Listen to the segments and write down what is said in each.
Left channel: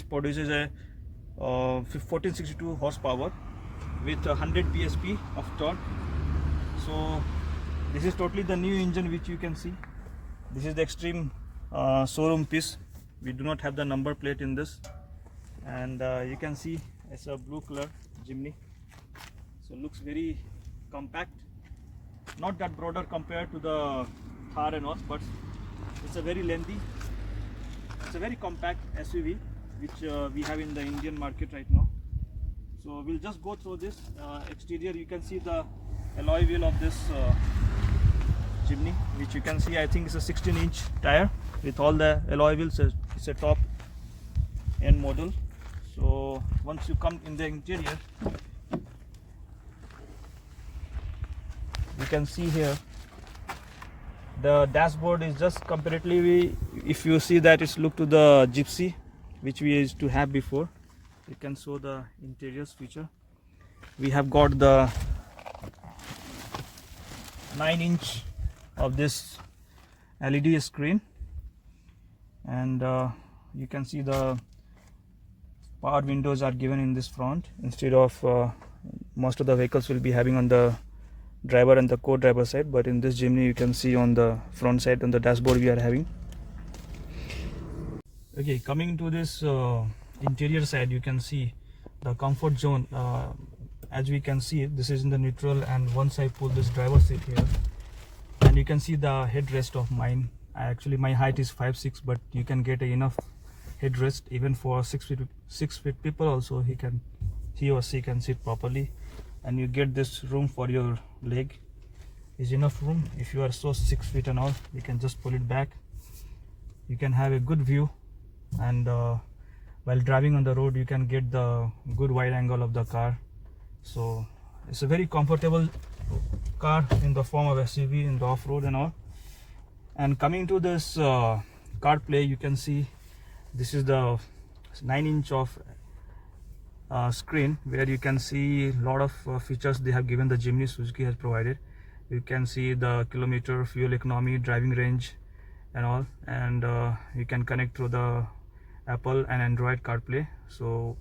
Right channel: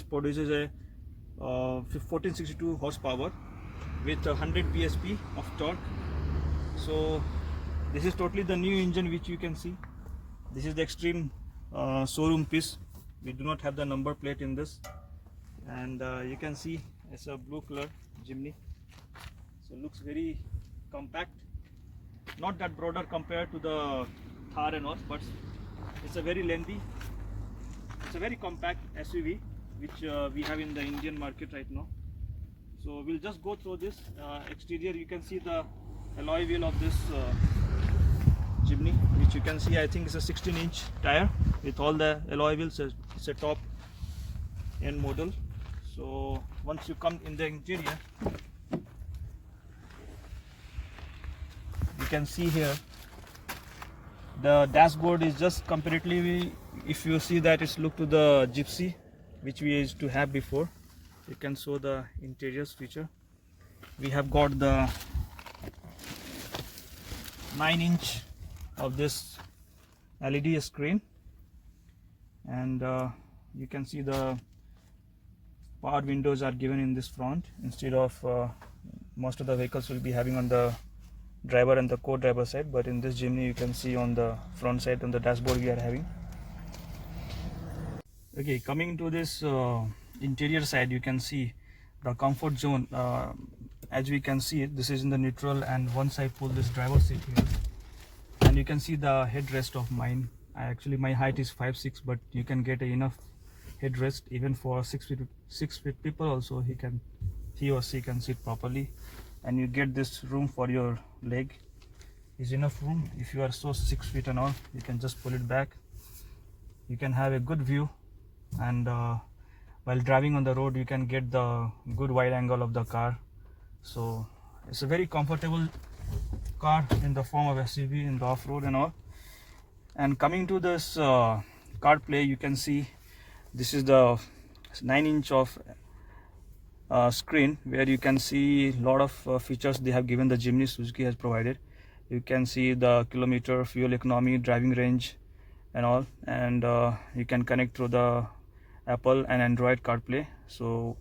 This produces a 1462 horsepower with 100 bsp of torque. So this is totally the new engine which you can see. This is the extreme showroom piece. We do not have the number plate in this, and you can see it's a blue color Jimny. So it looks very compact, not that broader compared to the Thar and all, but it's a very lengthy, it's a very compact SUV which we have in the Indian market right now. So we'll just go through this exterior. You can see the alloy wheel of this Jimny, which you can see, I think it's a 16-inch tire with all the alloy wheels. It's a top end model. So once you come in the interior, you can see here the dashboard is just comparatively, if you see that, it's look to the Gypsy which we used to have before. You can show the interiors feature. We have got the 9-inch of this LED screen, and you can see the power windows are given in this front instead of most of the vehicles will be having on the driver and the co-driver side, but in this Jimny you can see on the front side on the dashboard we are having. Okay, coming to this interior side, you can see the comfort zone. As we can see, this is in the neutral, and once I pull this driver seat here, and you can see the headrest of mine. Actually my height is 5'6", but you can get enough headrest even for 6 feet people also. He or she can sit properly, and you get this room for your leg. Is enough room. If you are so 6 feet and all, you can just pull it back. You can have a good view, and while driving on the road you can get the good wide angle of the car. So it's a very comfortable car in the form of SUV in the off-road and all. And coming to this CarPlay, you can see this is the 9-inch of screen where you can see a lot of features they have given. The Jimny Suzuki has provided. You can see the kilometer, fuel economy, driving range and all, and you can connect through the Apple and Android CarPlay. So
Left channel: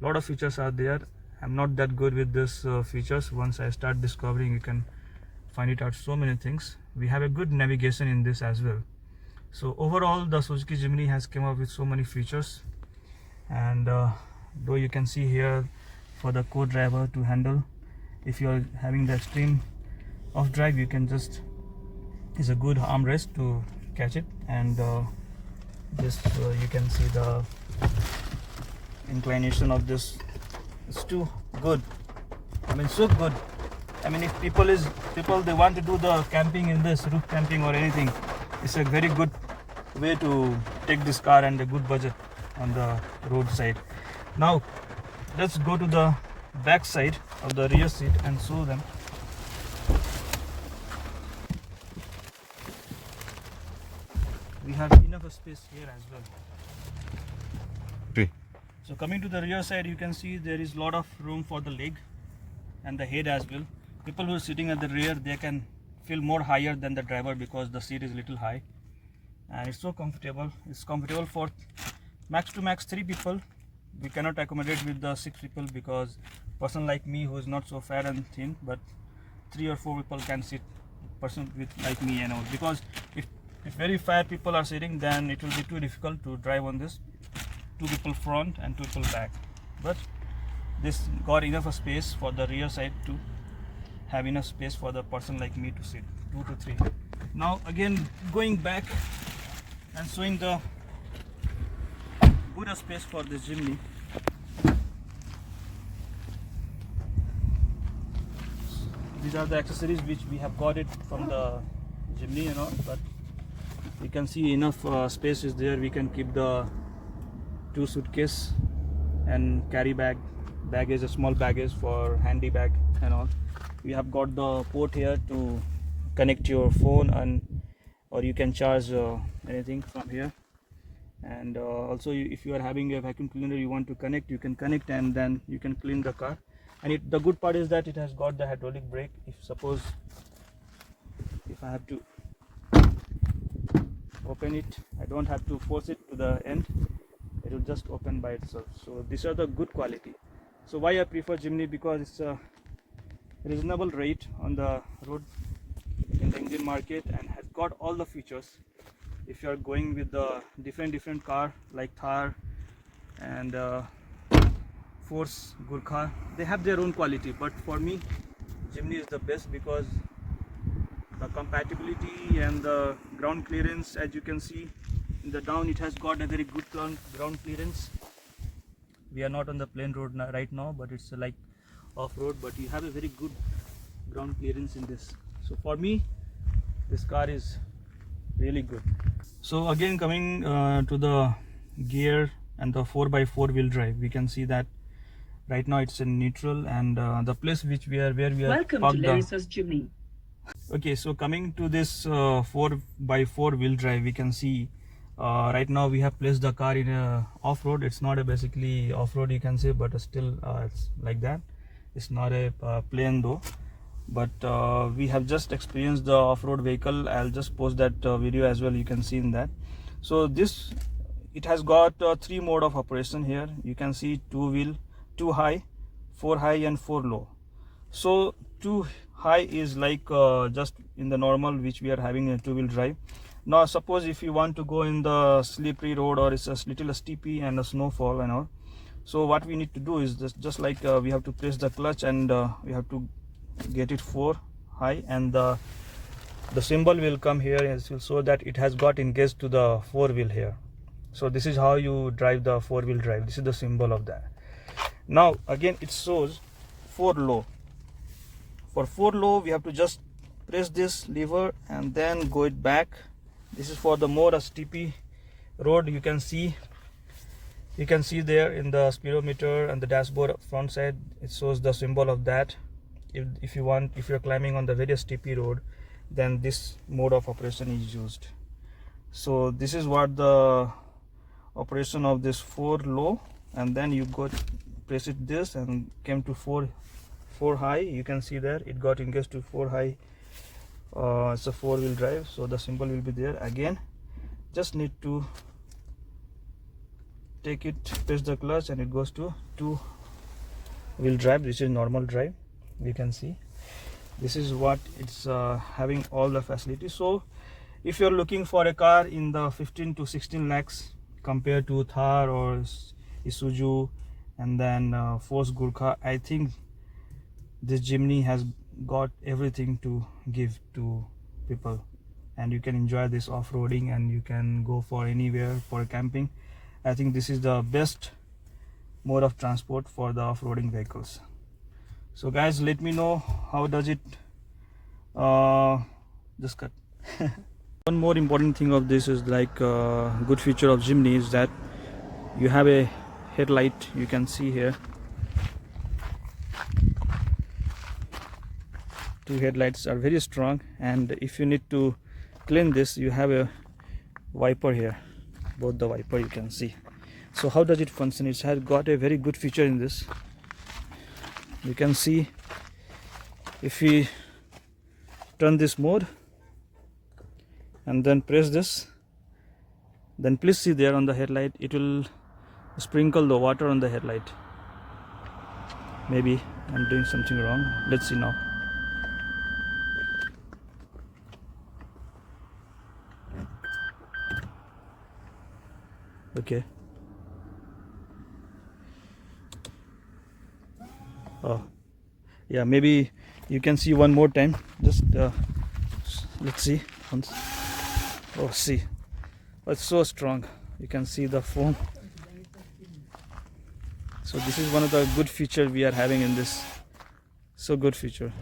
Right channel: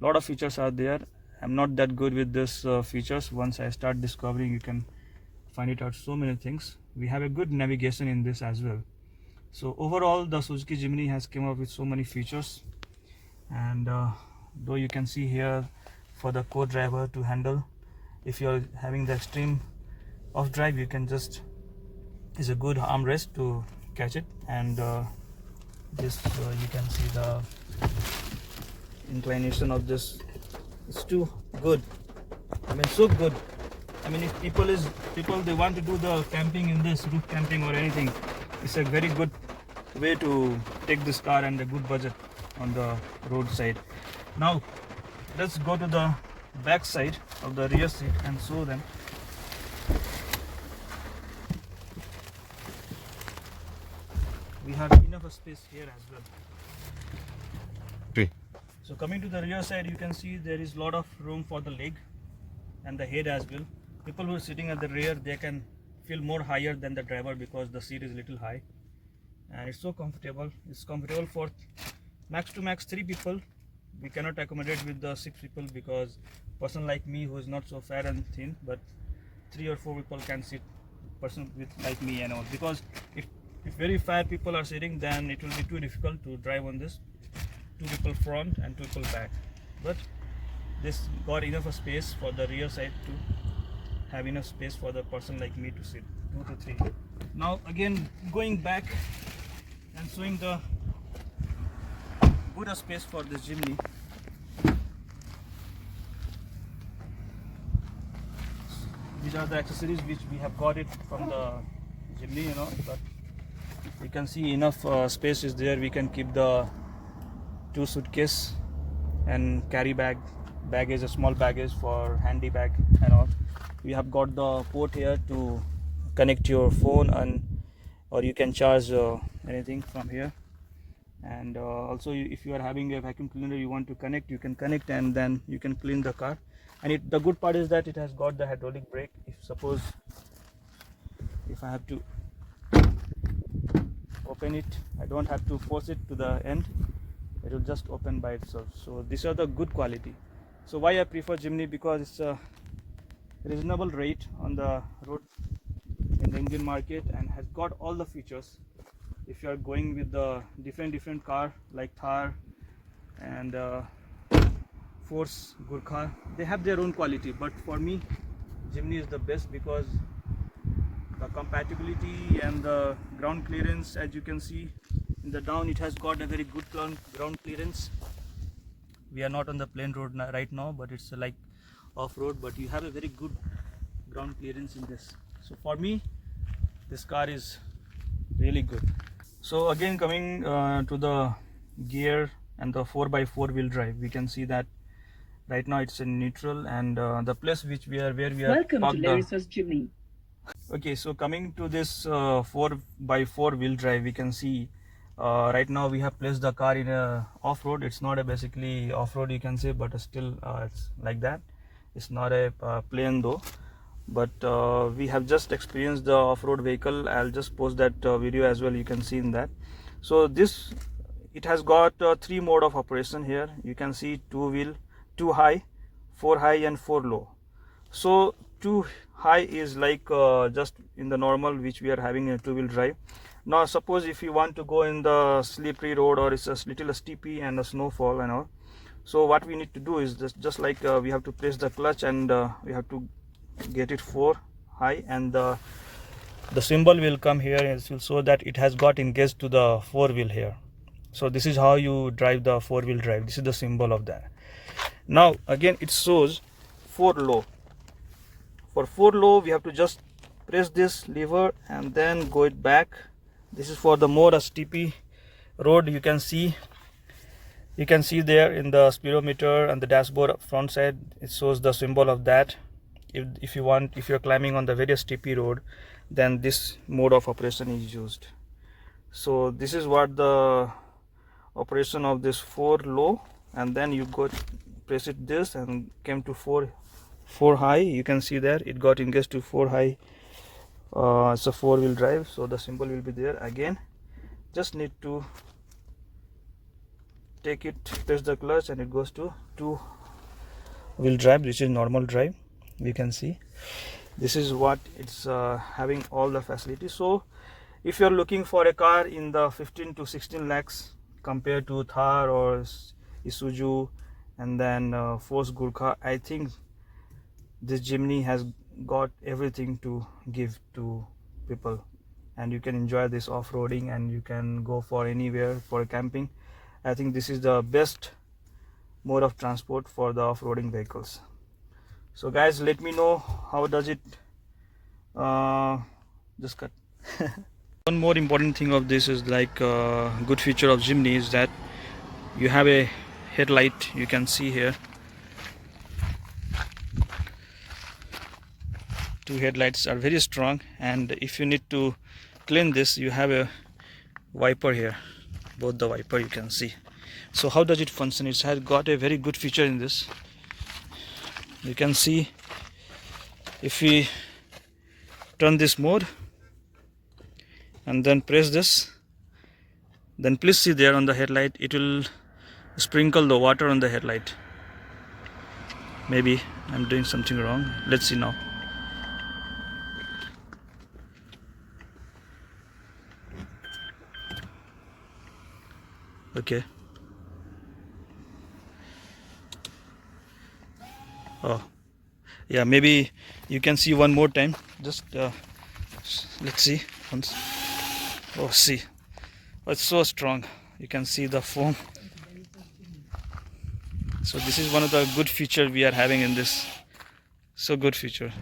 a lot of features are there. I'm not that good with this features. Once I start discovering, you can find it out so many things. We have a good navigation in this as well. So overall the Suzuki Jimny has come up with so many features, and though you can see here for the co-driver to handle, if you're having the extreme off drive, you can just, is a good armrest to catch it, and this you can see the inclination of this. It's too good. I mean, so good. I mean, if people they want to do the camping in this, roof camping or anything, it's a very good way to take this car and a good budget on the roadside. Now let's go to the back side of the rear seat and show them. We have enough space here as well. So coming to the rear side, you can see there is a lot of room for the leg and the head as well. People who are sitting at the rear, they can feel more higher than the driver because the seat is a little high, and it's so comfortable. It's comfortable for max to max 3 people. We cannot accommodate with the 6 people because person like me who is not so fat and thin, but 3 or 4 people can sit, person with like me and all, because if very fat people are sitting, then it will be too difficult to drive on this. 2 people front and 2 people back, but this got enough space for the rear side to have enough space for the person like me to sit, 2 to 3. Now again going back and showing the good space for this Jimny. These are the accessories which we have got it from the Jimny, you know, but you can see enough space is there. We can keep the 2 suitcase and carry baggage, a small baggage for handy bag and all. We have got the port here to connect your phone, and or you can charge anything from here. And also if you are having a vacuum cleaner you want to connect, you can connect, and then you can clean the car. And the good part is that it has got the hydraulic brake. If I have to open it, I don't have to force it to the end. It it will just open by itself. So these are the good quality. So why I prefer Jimny, because it's a reasonable rate on the road in the Indian market and has got all the features. If you are going with the different car like Thar and Force, Gurkha, they have their own quality, but for me Jimny is the best because the compatibility and the ground clearance, as you can see in the down, it has got a very good ground clearance. We are not on the plain road right now, but it's like off-road, but you have a very good ground clearance in this. So for me this car is really good. So again, coming to the gear and the 4x4 wheel drive, we can see that right now it's in neutral, and the place where we are Welcome to Larissa's Jimny. Okay, so coming to this 4x4 wheel drive, we can see right now we have placed the car in a off-road. It's not a basically off-road, you can say, but still it's like that. It's not a plain though, but we have just experienced the off-road vehicle. I'll just post that video as well, you can see in that. So this, it has got 3 mode of operation here. You can see 2 wheel, 2 high, 4 high and 4 low. So 2 high is like just in the normal which we are having in a 2-wheel drive. Now suppose if you want to go in the slippery road, or it's a little steepy and a snowfall and all, so what we need to do is just like we have to press the clutch, and we have to get it 4 high, and the symbol will come here so that it has got engaged to the 4 wheel here. So this is how you drive the 4-wheel drive. This is the symbol of that. Now again it shows 4 low. For 4 low we have to just press this lever and then go it back. This is for the more steepy road. You can see there in the speedometer and the dashboard front side, it shows the symbol of that. If you're climbing on the very steepy road, then this mode of operation is used. So this is what the operation of this 4 low, and then you go press it this and came to 4 high. You can see there it got engaged to 4 high. It's a 4-wheel drive, so the symbol will be there. Again, just need to take it, press the clutch, and it goes to 2-wheel drive. This is normal drive. You can see this is what it's having, all the facilities. So if you're looking for a car in the 15 to 16 lakhs compared to Thar or Isuzu and then Force, Gurkha, I think this Jimny has got everything to give to people, and you can enjoy this off-roading and you can go for anywhere for camping. I think this is the best mode of transport for the off-roading vehicles. So guys, let me know how does it just cut. One more important thing of this is like good feature of Jimny is that you have a headlight. You can see here 2 headlights are very strong, and if you need to clean this, you have a wiper here, both the wiper you can see. So how does it function? It has got a very good feature in this. You can see if we turn this mode and then press this, then please see there on the headlight it will sprinkle the water on the headlight. Maybe I'm doing something wrong. Let's see now. Okay. Oh yeah, maybe you can see one more time. Just let's see once. Oh, see, it's so strong. You can see the foam. So this is one of the good feature we are having in this. So good feature.